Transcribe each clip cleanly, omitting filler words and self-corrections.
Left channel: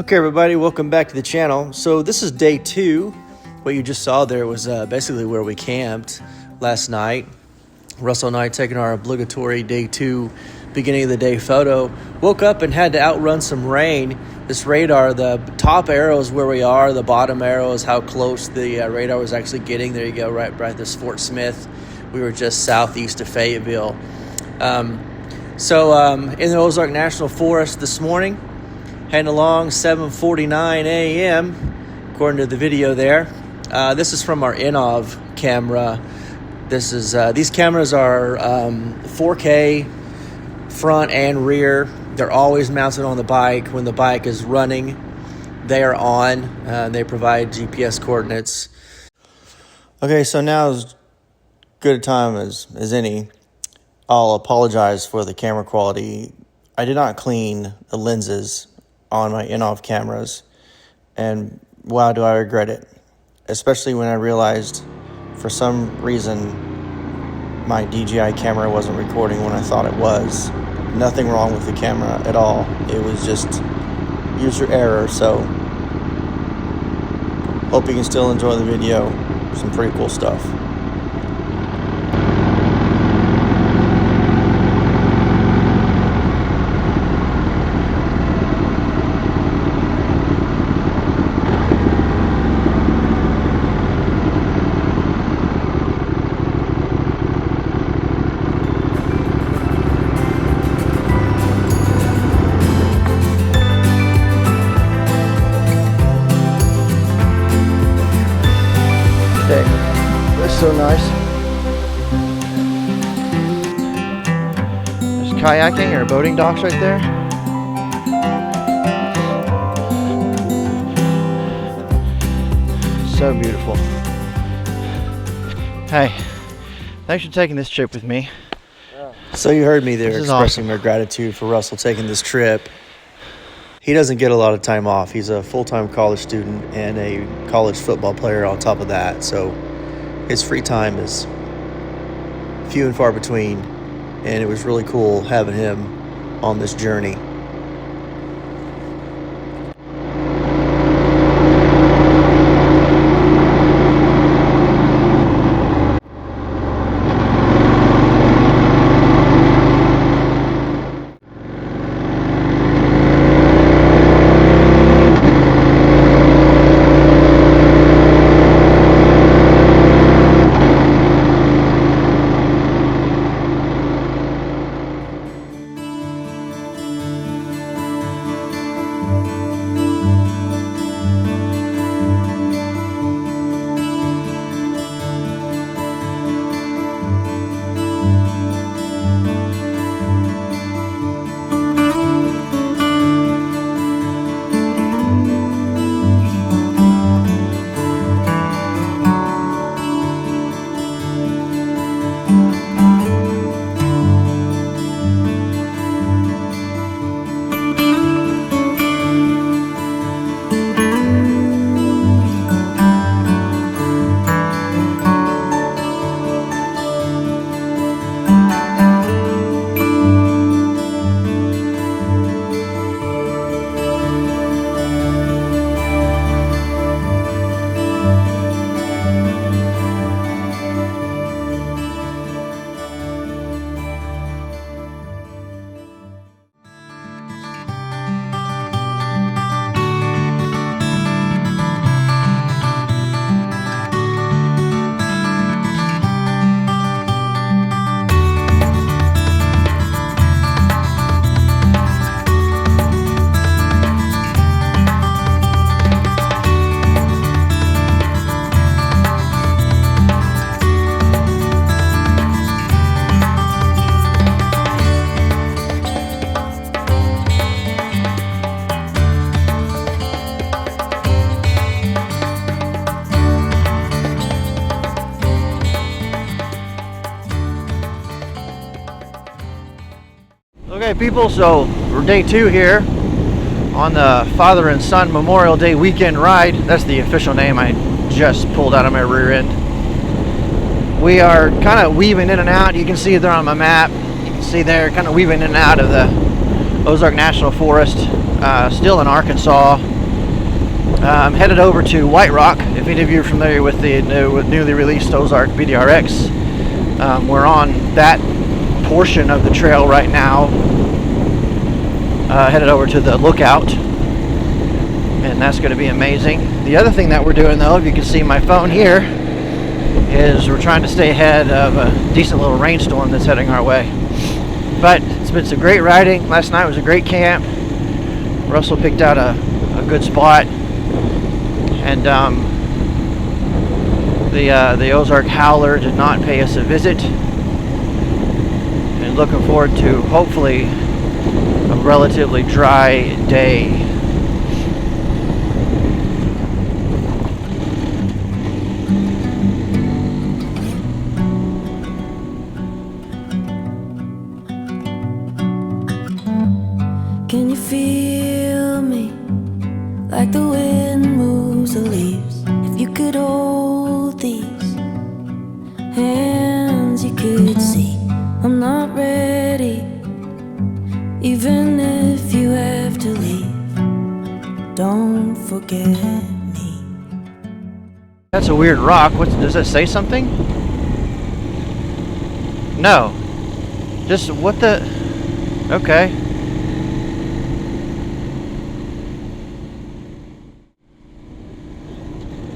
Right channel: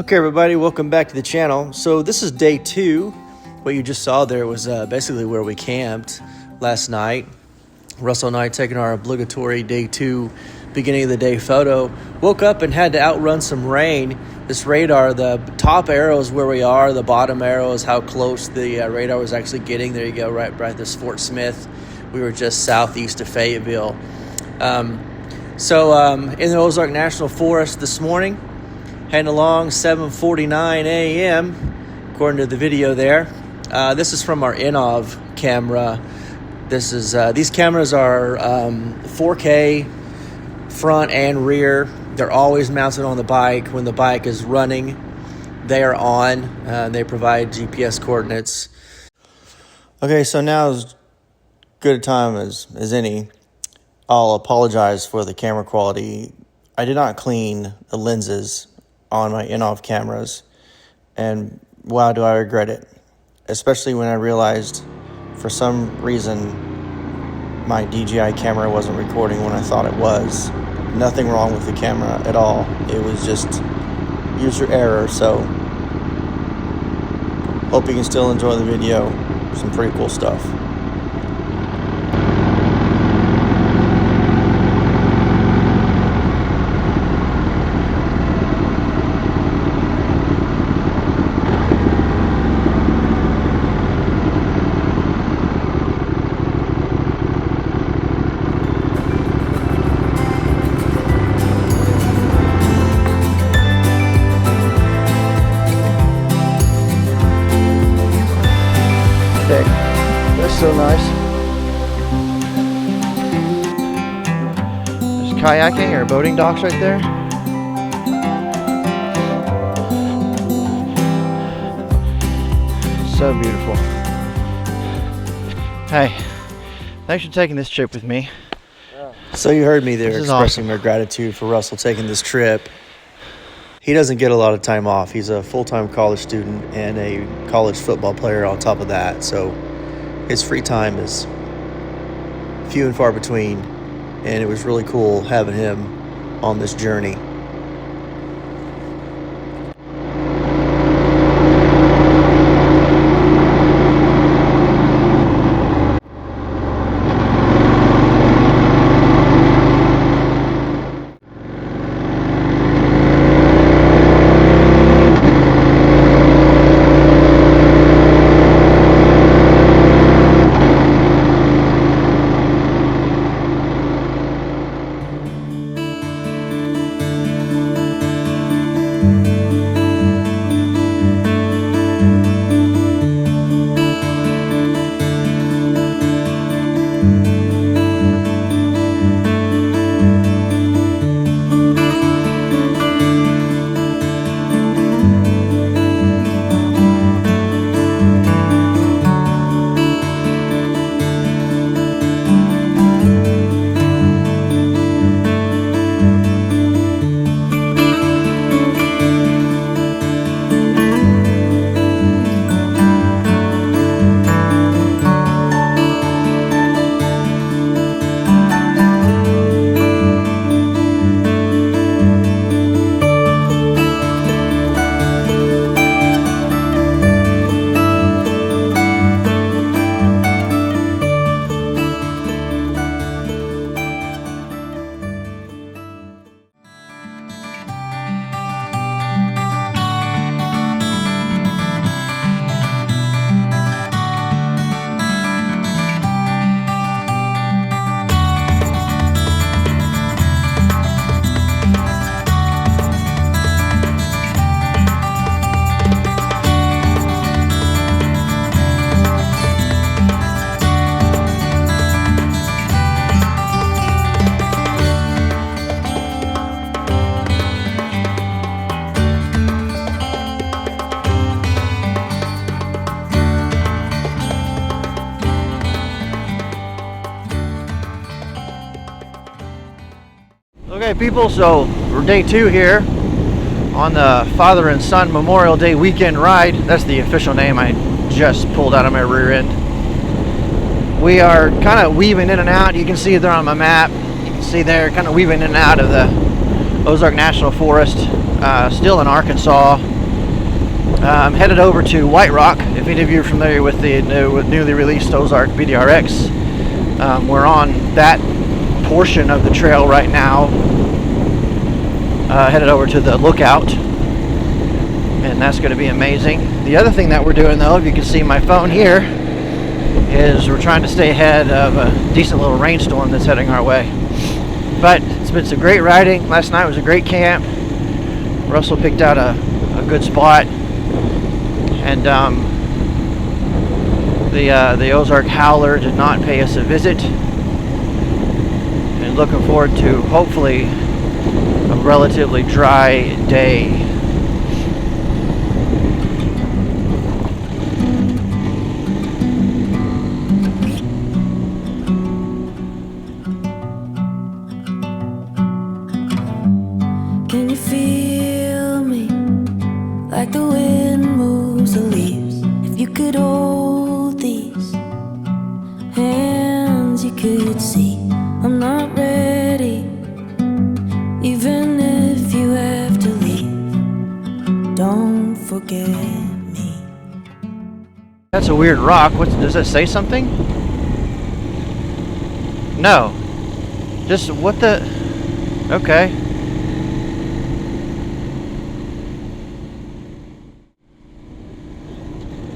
Okay everybody, welcome back to the channel. So this is day 2. What you just saw there was basically where we camped last night. Russell and I taking our obligatory day 2 beginning of the day photo. Woke up and had to outrun some rain. This radar, the top arrow is where we are, the bottom arrow is how close the radar was actually getting. There you go, right this Fort Smith. We were just southeast of Fayetteville. In the Ozark National Forest this morning, heading along 7:49 a.m. according to the video there. This is from our INNOVV camera. This is these cameras are 4K front and rear. They're always mounted on the bike. When the bike is running, they are on. They provide GPS coordinates. Okay, so now is good a time as any. I'll apologize for the camera quality. I did not clean the lenses on my INNOVV cameras, and wow, do I regret it, especially when I realized for some reason my DJI camera wasn't recording when I thought it was. Nothing wrong with the camera at all. It was just user error. So hope you can still enjoy the video. Some pretty cool stuff. That's so nice. There's kayaking or boating docks right there. So beautiful. Hey, thanks for taking this trip with me. So you heard me there expressing my gratitude for Russell taking this trip. He doesn't get a lot of time off. He's a full-time college student and a college football player on top of that. So his free time is few and far between, and it was really cool having him on this journey. Okay people, so we're day 2 here on the Father and Son Memorial Day weekend ride. That's the official name I just pulled out of my rear end. We are kind of weaving in and out. You can see there on my map. You can see there kind of weaving in and out of the Ozark National Forest. still in Arkansas. I'm headed over to White Rock. If any of you are familiar with the newly released Ozark VDRX, we're on that portion of the trail right now. Headed over to the Lookout, and that's going to be amazing. The other thing that we're doing, though, if you can see my phone here, is we're trying to stay ahead of a decent little rainstorm that's heading our way. But it's been some great riding. Last night was a great camp. Russell picked out a good spot, and the Ozark Howler did not pay us a visit. And looking forward to hopefully a relatively dry day. Can you feel me? Like the wind moves the leaves. If you could hold these hands, you could see I'm not ready. Even if you have to leave, don't forget me. That's a weird rock. Does that say something? No. Just what the... Okay.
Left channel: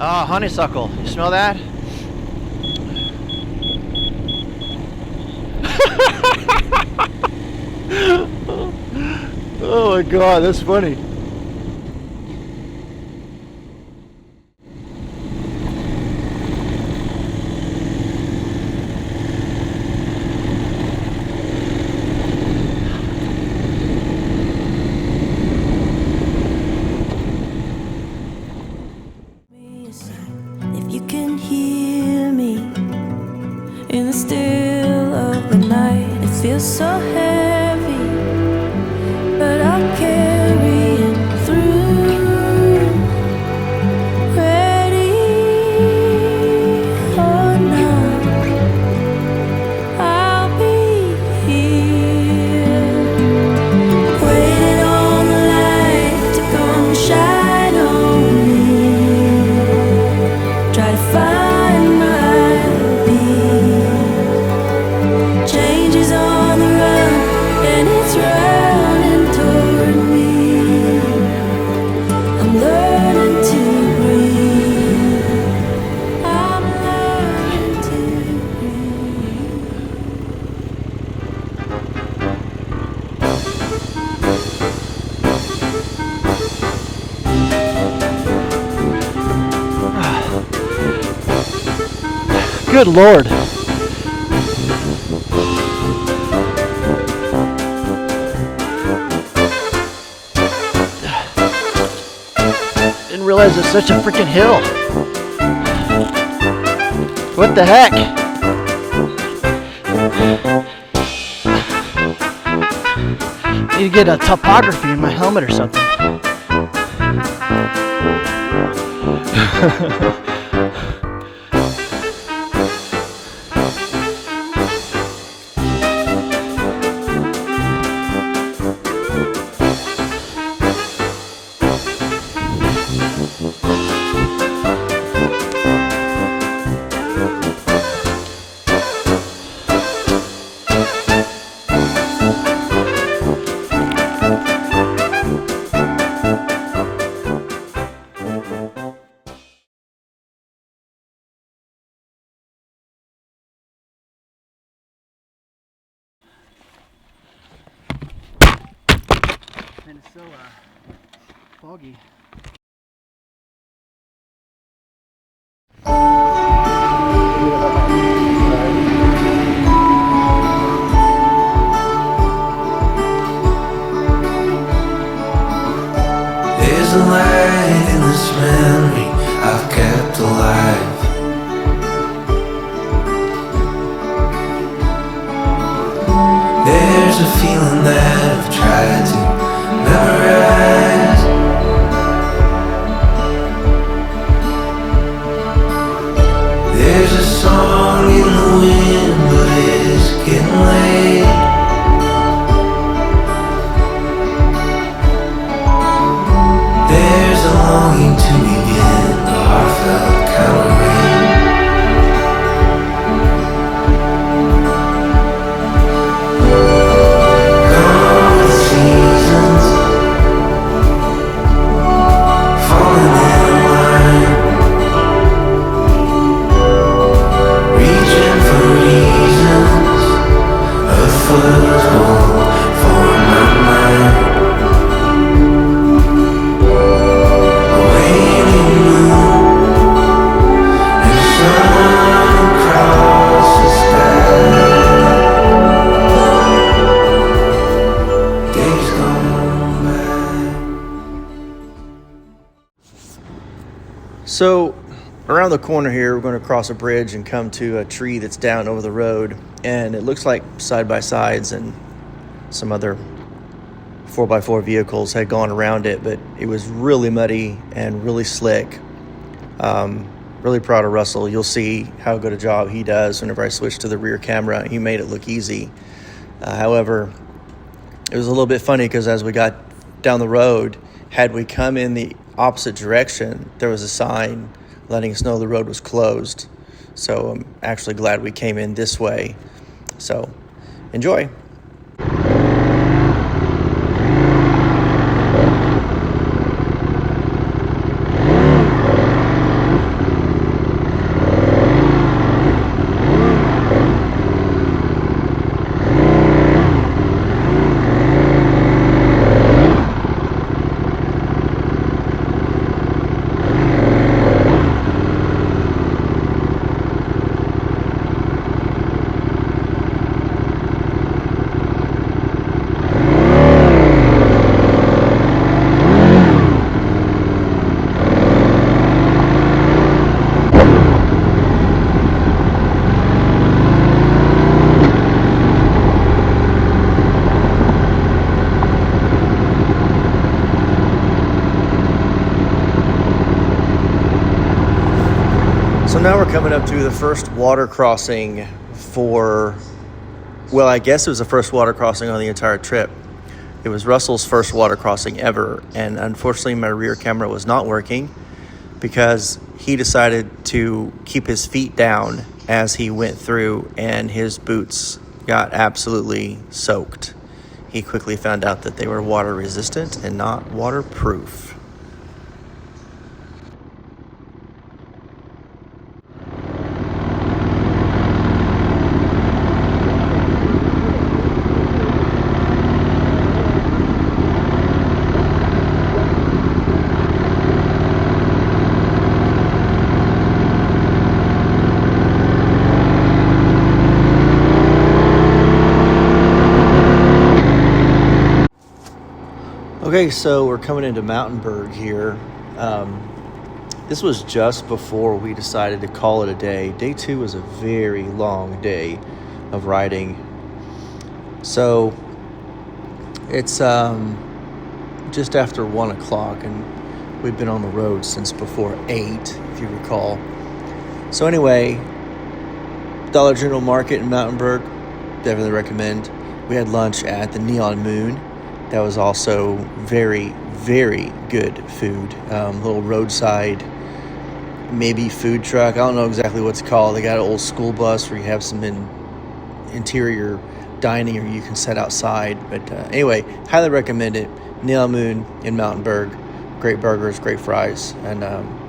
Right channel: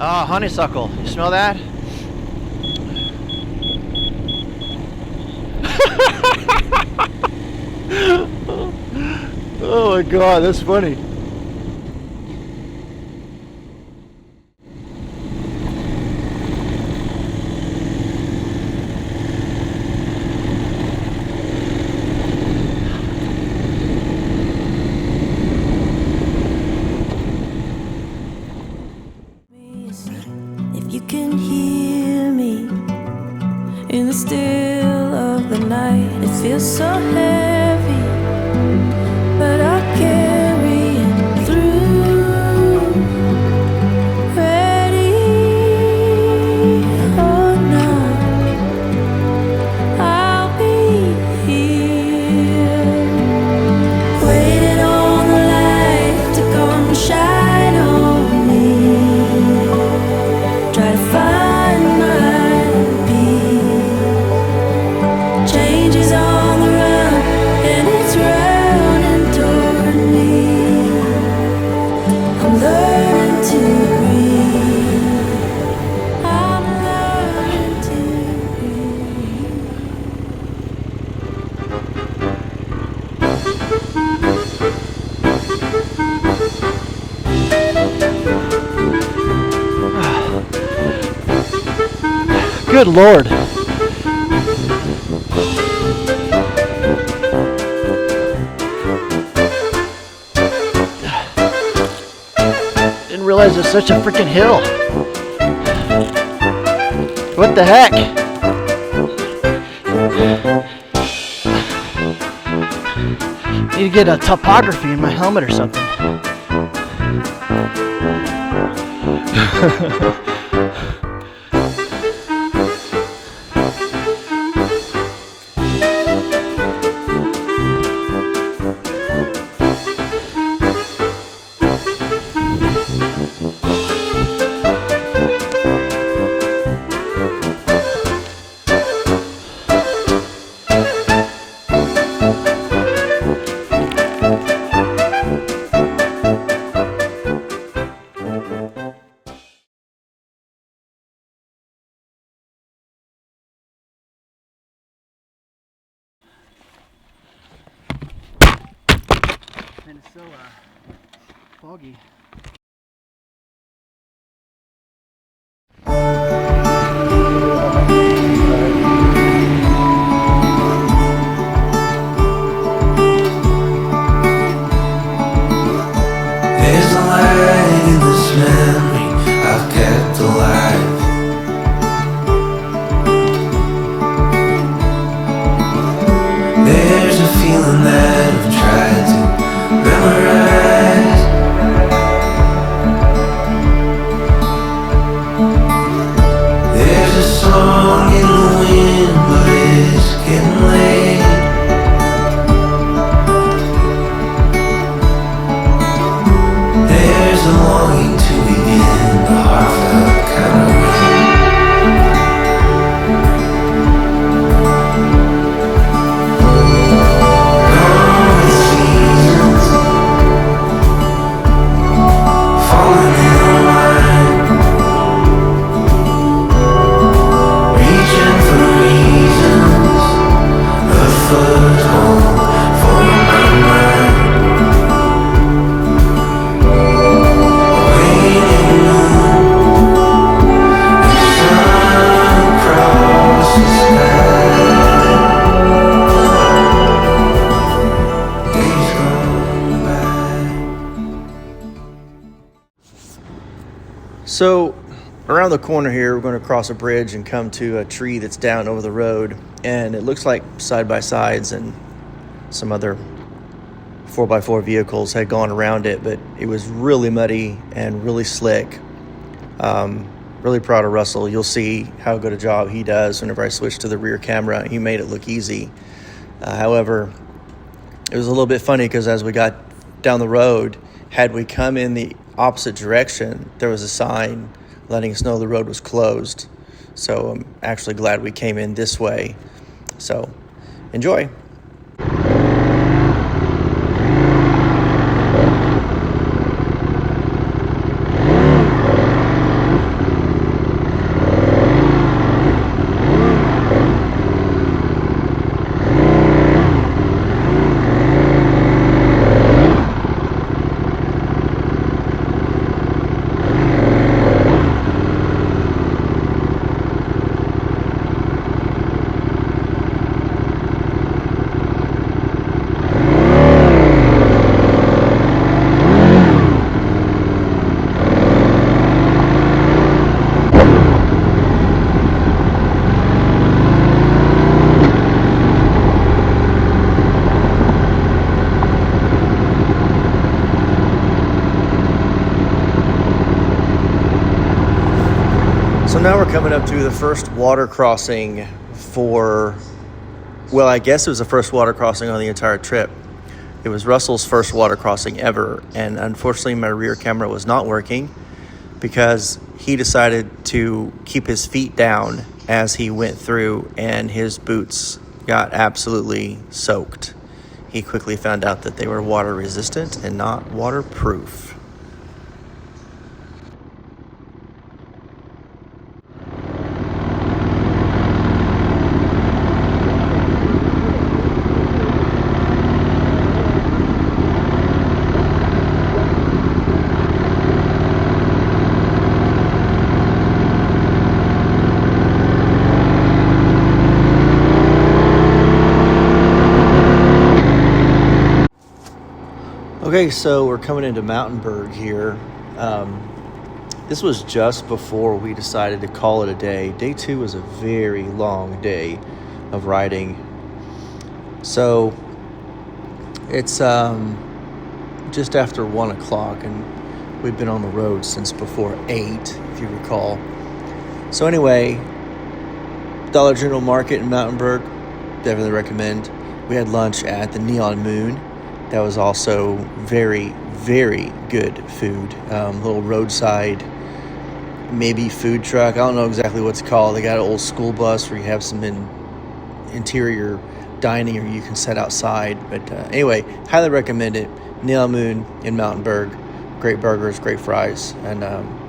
Ah, honeysuckle. You smell that? Oh my god, that's funny. If you can hear me in the still of the night, it feels so heavy, but I'll carry it through. Ready or not, I'll be here, waiting on the light to come shine on me. Try to find my peace. Change is on the run, and it's running toward me. I'm learning to breathe. I'm learning to breathe. Good Lord. Didn't realize it's such a freaking hill. What the heck? Need to get a topography in my helmet or something. And it's so foggy. There's a light in this memory I've kept alive. There's a feeling that I've tried to memorize. There's a song in the wind, but it's getting late. So around the corner here, we're going to cross a bridge and come to a tree that's down over the road, and it looks like side-by-sides and some other 4x4 vehicles had gone around it, but it was really muddy and really slick. Really proud of Russell. You'll see how good a job he does whenever I switch to the rear camera. He made it look easy. However, it was a little bit funny because as we got down the road, had we come in the opposite direction, there was a sign letting us know the road was closed. So I'm actually glad we came in this way. So enjoy. So now we're coming up to the first water crossing for, well, I guess it was the first water crossing on the entire trip. It was Russell's first water crossing ever, and unfortunately my rear camera was not working because he decided to keep his feet down as he went through, and his boots got absolutely soaked. He quickly found out that they were water resistant and not waterproof. Okay, so we're coming into Mountainburg here. This was just before we decided to call it a day. Day 2 was a very long day of riding. So it's just after 1 o'clock, and we've been on the road since before 8, if you recall. So anyway, Dollar General Market in Mountainburg, definitely recommend. We had lunch at the Neon Moon. That was also very, very good food. Little roadside, maybe food truck. I don't know exactly what it's called. They got an old school bus where you have some interior dining, or you can sit outside. But anyway, highly recommend it. Neon Moon in Mountainburg. Great burgers, great fries, and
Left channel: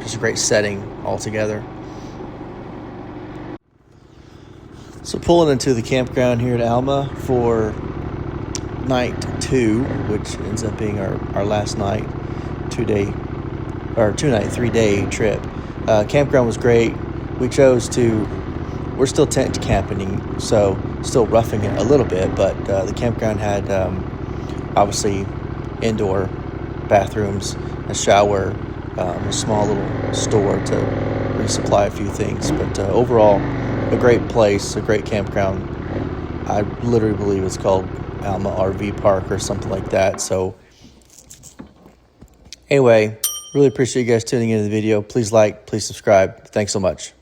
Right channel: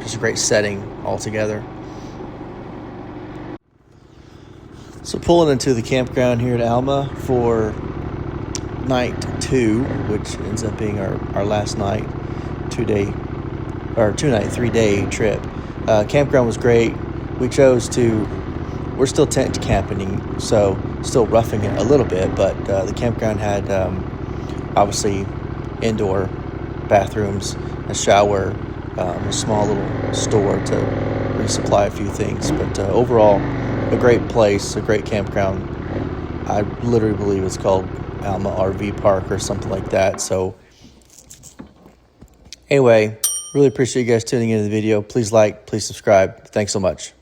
just a great setting altogether. So pulling into the campground here at Alma for night 2, which ends up being our last night, 3-day trip. Campground was great. We're still tent camping, so still roughing it a little bit, but the campground had obviously indoor bathrooms, a shower, a small little store to resupply a few things, but overall a great place, a great campground. I literally believe it's called Alma RV Park or something like that. So anyway, really appreciate you guys tuning into the video. Please like, please subscribe. Thanks so much.